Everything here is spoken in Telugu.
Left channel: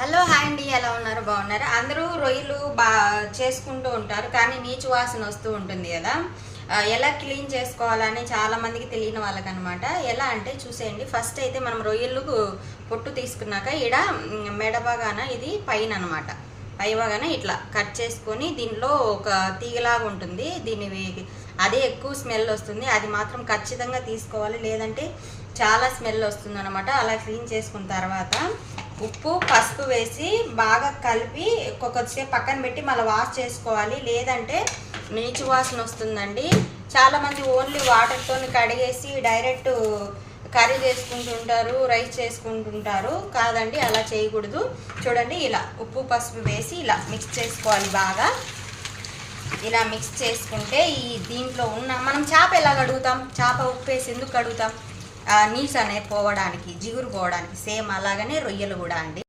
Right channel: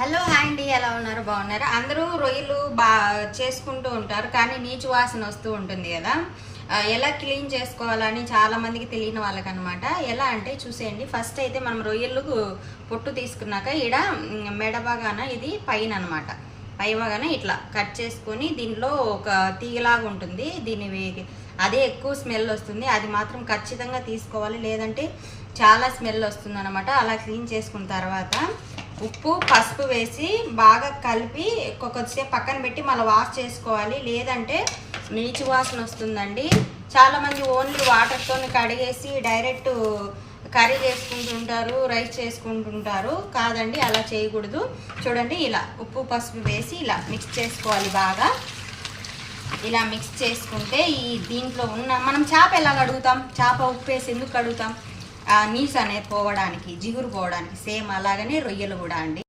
హలో హాయ్ అండి, ఎలా ఉన్నారు? బాగున్నారు? అందరూ రొయ్యలు చేసుకుంటూ ఉంటారు, కానీ నీచు వాసన వస్తూ ఉంటుంది కదా. ఎలా క్లీన్ చేసుకోవాలని చాలా మందికి తెలియని వాళ్ళకనమాట. ఎలా అంటే చూసేయండి. ఫస్ట్ అయితే మనం రొయ్యలు పొట్టు తీసుకున్నాక ఈడ మెడ భాగాన ఇది పైన అనమాట, పై భాగాన ఇట్లా కట్ చేసుకొని దీనిలో ఒక తీగలాగా ఉంటుంది, అదే ఎక్కువ స్మెల్ వస్తుంది. అది మాత్రం ఖచ్చితంగా తీసుకోవాలి, లేదంటే చాలా స్మెల్ వస్తుంది అనమాట. అలా క్లీన్ చేసుకున్న తర్వాత ఉప్పు పసుపు వేసి బాగా కలిపి కొద్దిసేపు పక్కన పెట్టి మళ్ళీ వాష్ చేసుకోవాలి, లేదంటే నీచు వాసన వస్తుందండి. చాలామంది ఓన్లీ వాటర్తో కడిగేసి డైరెక్ట్ కర్రీ చేసుకుంటుంటారు, రైస్ చేసుకుంటుంటారు. కాదండి, అలా చేయకూడదు. చూడండి, ఇలా ఉప్పు పసుపు వేసి ఇలా మిక్స్ చేసుకోవాలి. బాగా ఇలా మిక్స్ చేసుకుంటే దీంట్లో ఉన్న మనం చేప ఎలా కడుగుతాం, చేప ఉప్పు వేసి ఎందుకు కడుగుతాం? నీసు అనేది పోవడానికి, జిగురు పోవడానికి. సేమ్ అలాగనే రొయ్యలు కూడా అండి.